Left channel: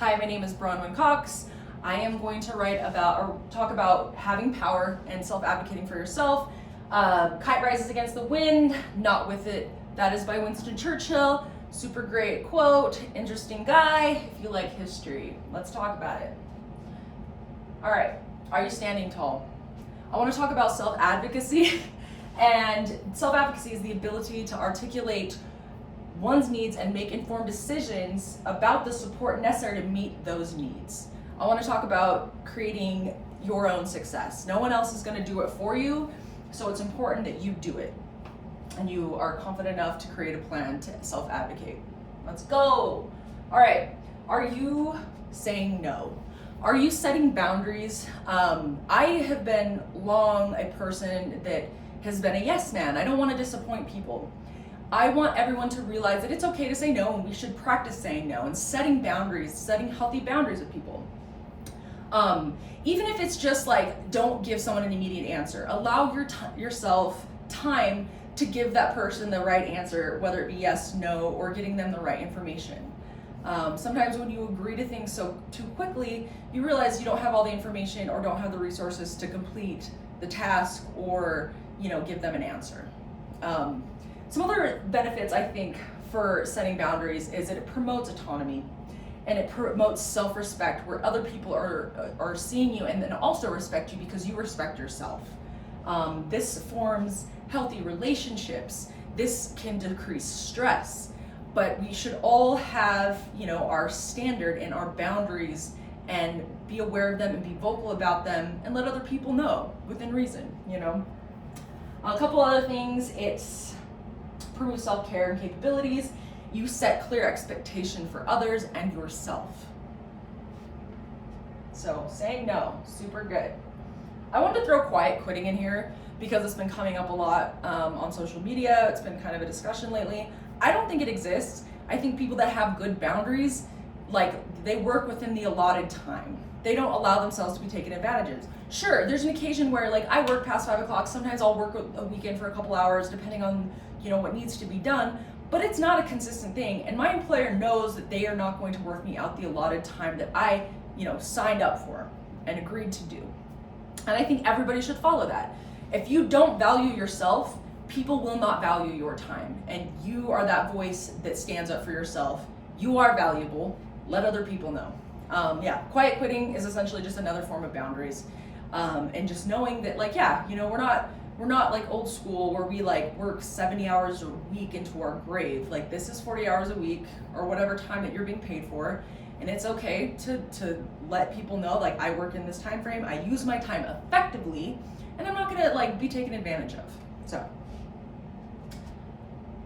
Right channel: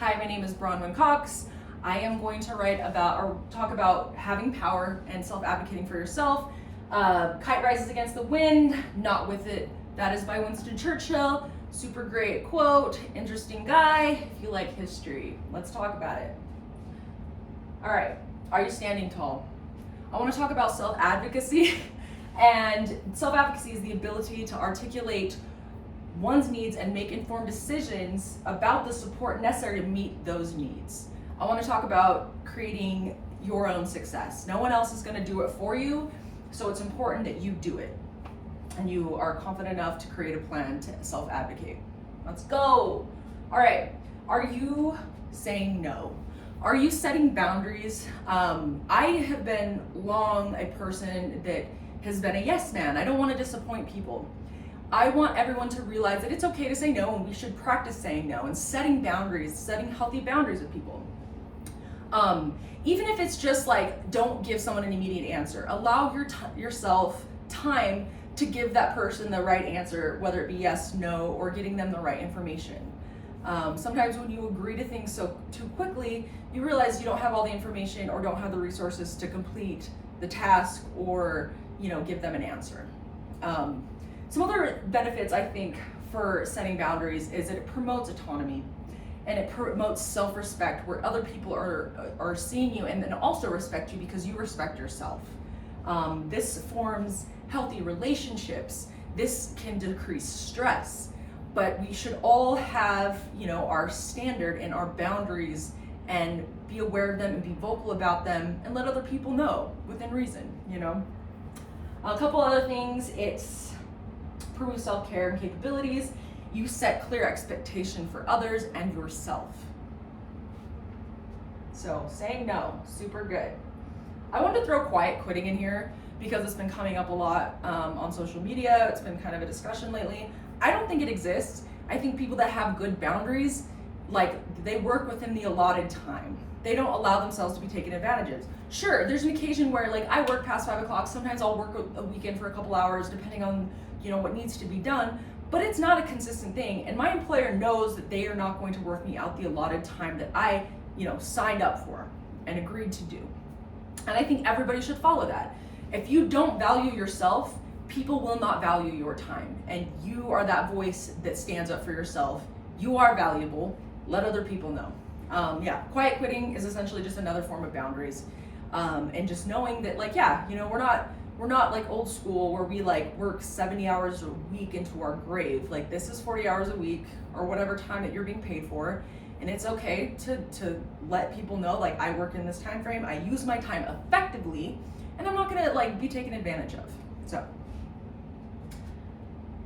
Hi, my name is Bronwyn Cox. I am going to write about or talk about having power and self-advocating for yourself. Kite rises against the wind, not with it. That is by Winston Churchill. Super great quote, interesting guy. If you like history, let's talk about it. All right, are you standing tall? I want to talk about self-advocacy. And self-advocacy is the ability to articulate one's needs and make informed decisions about the support necessary to meet those needs. I want to talk about creating your own success. No one else is going to do it for you, so it's important that you do it and you are confident enough to create a plan to self-advocate. Let's go. All right, are you saying no? Are you setting boundaries? I have been long a person that has been a yes man. I don't want to disappoint people. I want everyone to realize that it's okay to say no, and we should practice saying no and setting boundaries, setting healthy boundaries with people. Even if it's just like, don't give someone an immediate answer. Allow yourself time to give that person the right answer, whether it be yes, no, or getting them the right information. Sometimes when you agree to things too quickly, you realize you don't have all the information or don't have the resources to complete the task or give them an answer. Some other benefits, I think, for setting boundaries is that it promotes autonomy and it promotes self-respect, where other people are seeing you and then also respect you because you respect yourself. This forms healthy relationships. This can decrease stress, but we should all have, our standard and our boundaries and be aware of them and be vocal about them and let other people know within reason, A couple other things, it's prove self-care and capabilities. You set clear expectation for others and yourself. So saying no, super good. I wanted to throw quiet quitting in here because it's been coming up a lot on social media. It's been kind of a discussion lately. I don't think it exists. I think people that have good boundaries, they work within the allotted time. They don't allow themselves to be taken advantage of. Sure, there's an occasion where I work past 5 o'clock. Sometimes I'll work a weekend for a couple hours depending on what needs to be done, but it's not a consistent thing. And my employer knows that they are not going to work me out the allotted time that I signed up for and agreed to do. And I think everybody should follow that. If you don't value yourself, people will not value your time. And you are that voice that stands up for yourself. You are valuable. Let other people know. Quiet quitting is essentially just another form of boundaries. And just knowing that we're not like old school where we work 70 hours a week into our grave. This is 40 hours a week or whatever time that you're being paid for. And it's okay to let people know, I work in this time frame, I use my time effectively, and I'm not gonna be taken advantage of. So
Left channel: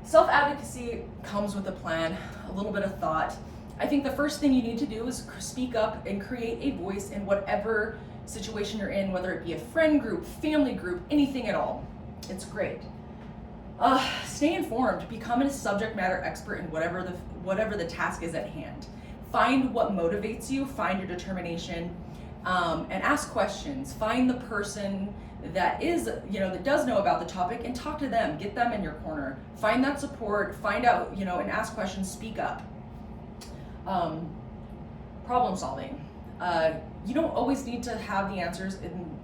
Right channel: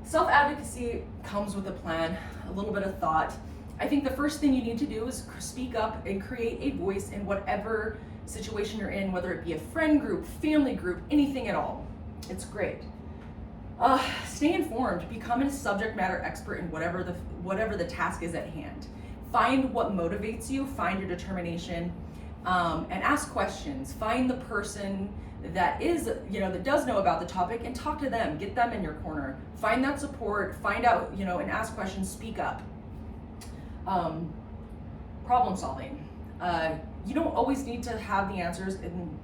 self-advocacy comes with a plan, a little bit of thought. I think the first thing you need to do is speak up and create a voice in whatever situation you're in, whether it be a friend group, family group, anything at all. It's great. Stay informed. Become a subject matter expert in whatever the task is at hand. Find what motivates you. Find your determination, and ask questions. Find the person that that does know about the topic and talk to them. Get them in your corner. Find that support. Find out and ask questions. Speak up. Problem solving. You don't always need to have the answers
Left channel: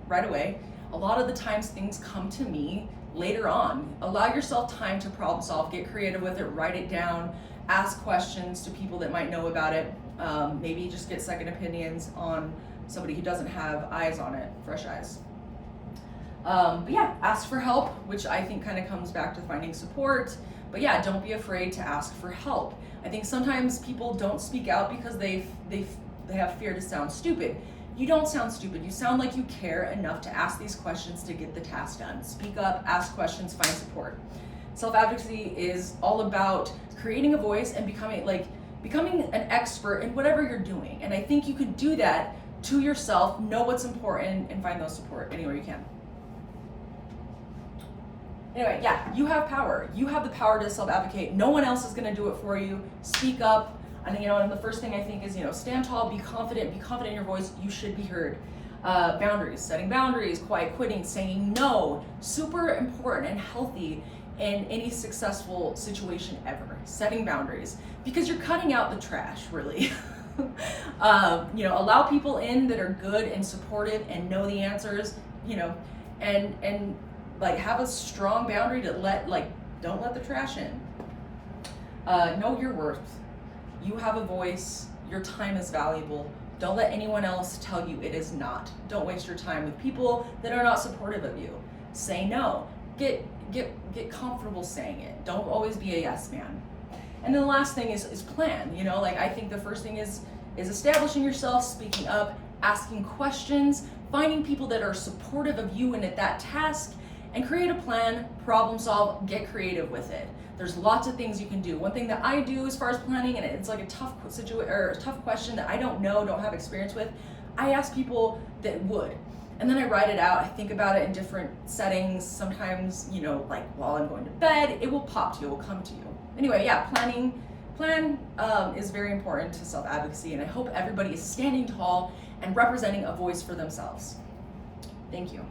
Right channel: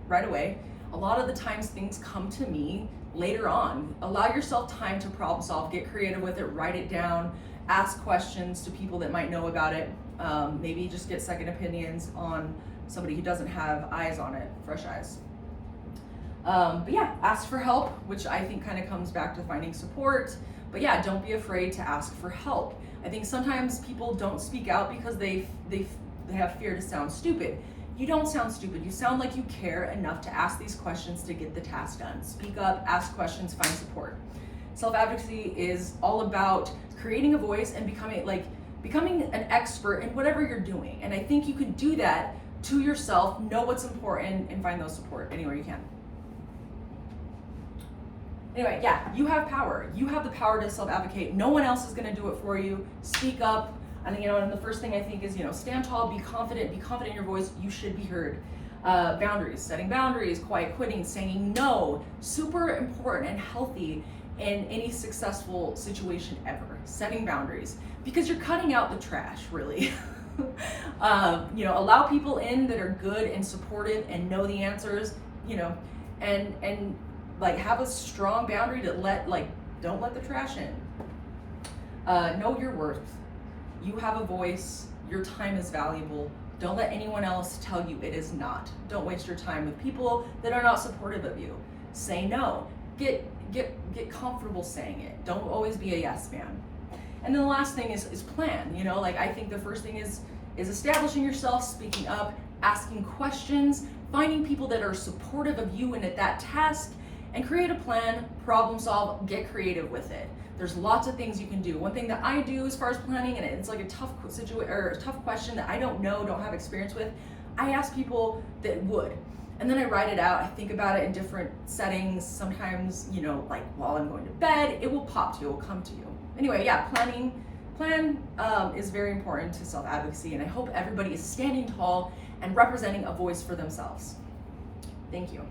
right away. A lot of the times things come to me later on. Allow yourself time to problem solve, get creative with it, write it down, ask questions to people that might know about it. Maybe just get second opinions on somebody who doesn't have eyes on it, fresh eyes. Ask for help, which I think kind of comes back to finding support. But don't be afraid to ask for help. I think sometimes people don't speak out because they have fear to sound stupid. You don't sound stupid. You sound like you care enough to ask these questions to get the task done. Speak up, ask questions, find support. Self-advocacy is all about creating a voice and becoming an expert in whatever you're doing. And I think you can do that to yourself, know what's important, and find those support anywhere you can. Anyway, you have power. You have the power to self-advocate. No one else is going to do it for you. Speak up. And and the first thing I think is, stand tall, be confident in your voice. You should be heard. Boundaries, setting boundaries, quiet quitting, saying no, super important and healthy in any successful situation ever. Setting boundaries, because you're cutting out the trash, really. Allow people in that are good and supportive and know the answers, and like have a strong boundary to don't let the trash in. Know your worth. You have a voice. Your time is valuable. Don't let anyone else tell you it is not. Don't waste your time with people that are not supportive of you. Say no. Get comfortable saying it. Don't always be a yes man. And then the last thing is plan. I think the first thing is establishing yourself, speaking up, asking questions, finding people that are supportive of you and at that task, and create a plan, problem solve, get creative with it. There's lots of things you can do. One thing that I do as far as planning, and it's like a tough question that I don't have experience with, I ask people that would. And then I write it out. I think about it in different settings. Sometimes, while I'm going to bed, it will pop to you, it will come to you. Anyway, yeah, plan is very important to self-advocacy, and I hope everybody is standing tall and representing a voice for themselves. Thank you.